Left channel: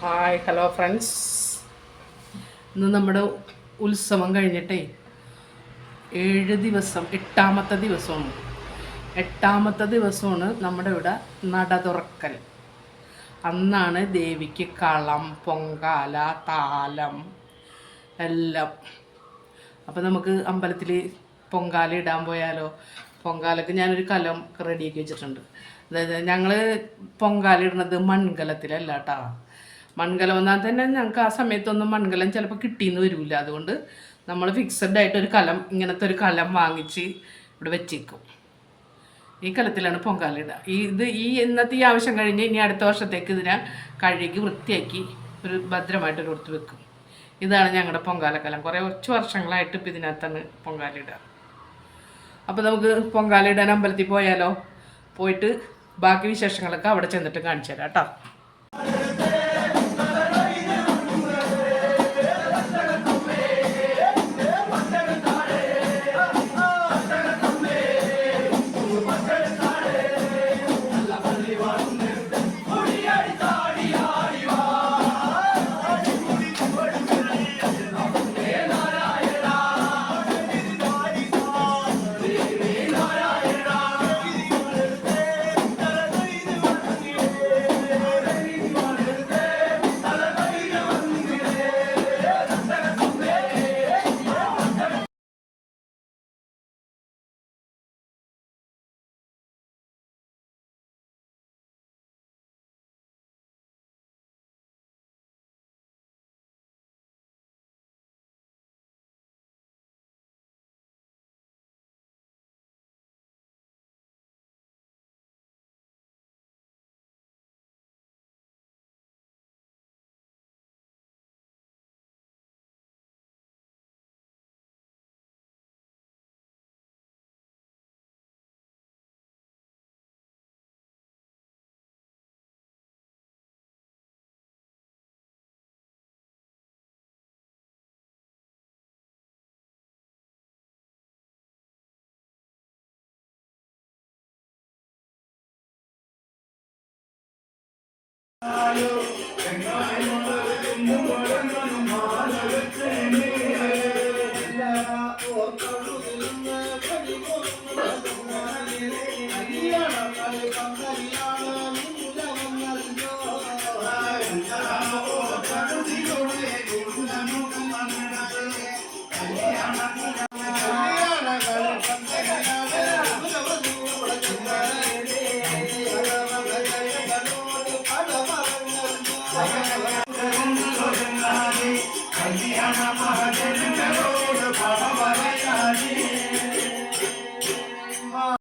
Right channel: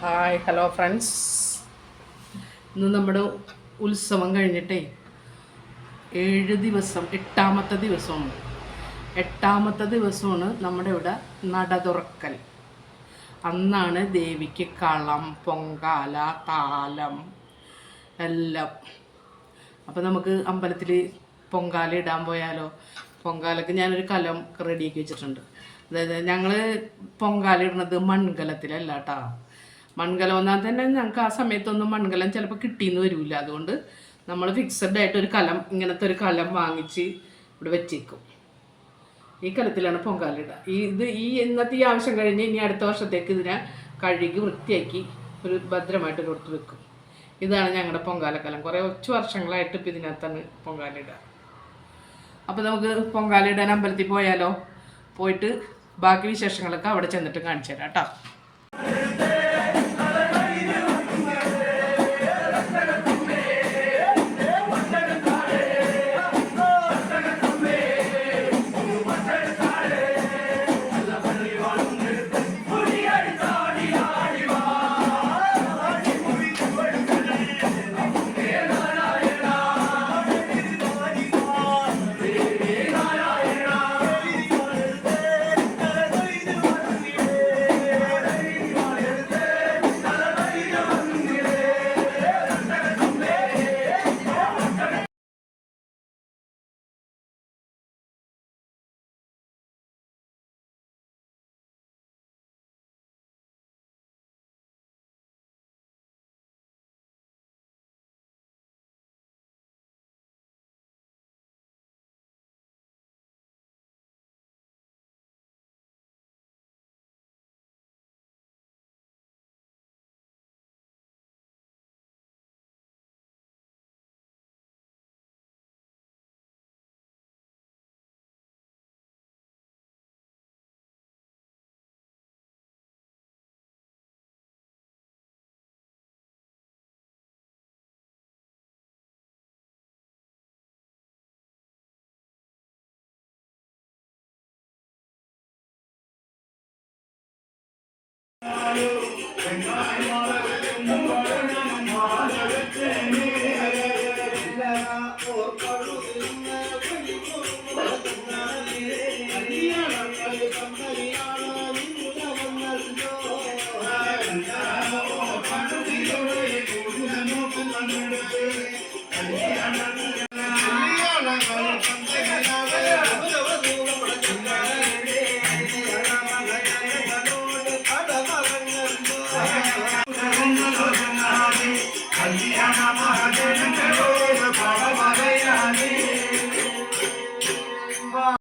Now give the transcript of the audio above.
Hi hello friends. ഇന്ന് നമ്മുടെ ഉത്സവം കഴിഞ്ഞിട്ടേ 8 ദിവസം, എട്ടാമത്തെ ദിവസമാണ് നമ്മുടെ ഇവിടെ നട തുറക്കൽ. അന്നാണ് ദേവിക്ക് കളം, പൊങ്കാല, താലം എല്ലാം. അപ്പോൾ നമുക്ക് അമ്പലത്തിൽ പൊങ്കാല ഇടാൻ പോയാലോ? പൊങ്കാലയ്ക്ക് ഞാനൊരു കലം റെഡിയാക്കി വെച്ചിട്ടുണ്ട്. അതായത് ഞങ്ങൾ പൊങ്കാല ഇടുന്നത് മൺകലത്തിലല്ല കേട്ടോ. മൺകലം എന്നാൽ തന്നെ ഞങ്ങൾക്ക് ആ സമയത്തൊന്നും മൺകലം ചിലപ്പോൾ കിട്ടിയെന്ന് വരില്ല. അതുകൊണ്ട് നമ്മൾ ഫിക്സഡ് ആയിട്ട് ഒരു കലം, ഇങ്ങനത്തെ ഒരു കലം വാങ്ങിച്ച് ഇവിടെ വെച്ചേക്കും. ഈ കലത്തിലാണ് പൊങ്കാല ഇടുക. ഇന്നത്തെ ഈ ആവശ്യം കഴിഞ്ഞ് ഇനി അടുത്ത വർഷത്തേക്ക് ഇതിനെ കഴുകി വൃത്തിയാക്കി ഒരു ഭദ്രമായിട്ടൊരു കൊടുത്ത് വെക്കും. ഇതാണ് ഞങ്ങളുടെ പൊങ്കാലക്കലം. കുറച്ച് വർഷങ്ങളായിട്ട് ഇപ്പം ഇതിനകത്താണ് പൊങ്കാല ഇടുക. അപ്പോൾ നമുക്ക് പൊങ്കാല ഇടാൻ അമ്പലത്തിൽ പോയാലോ? പോയിട്ട് ബാക്കി വിശേഷങ്ങളൊക്കെ അവിടെ ചെന്നിട്ട് കാണിച്ചു തരാം കേട്ടോ. Kaliana Mahadevan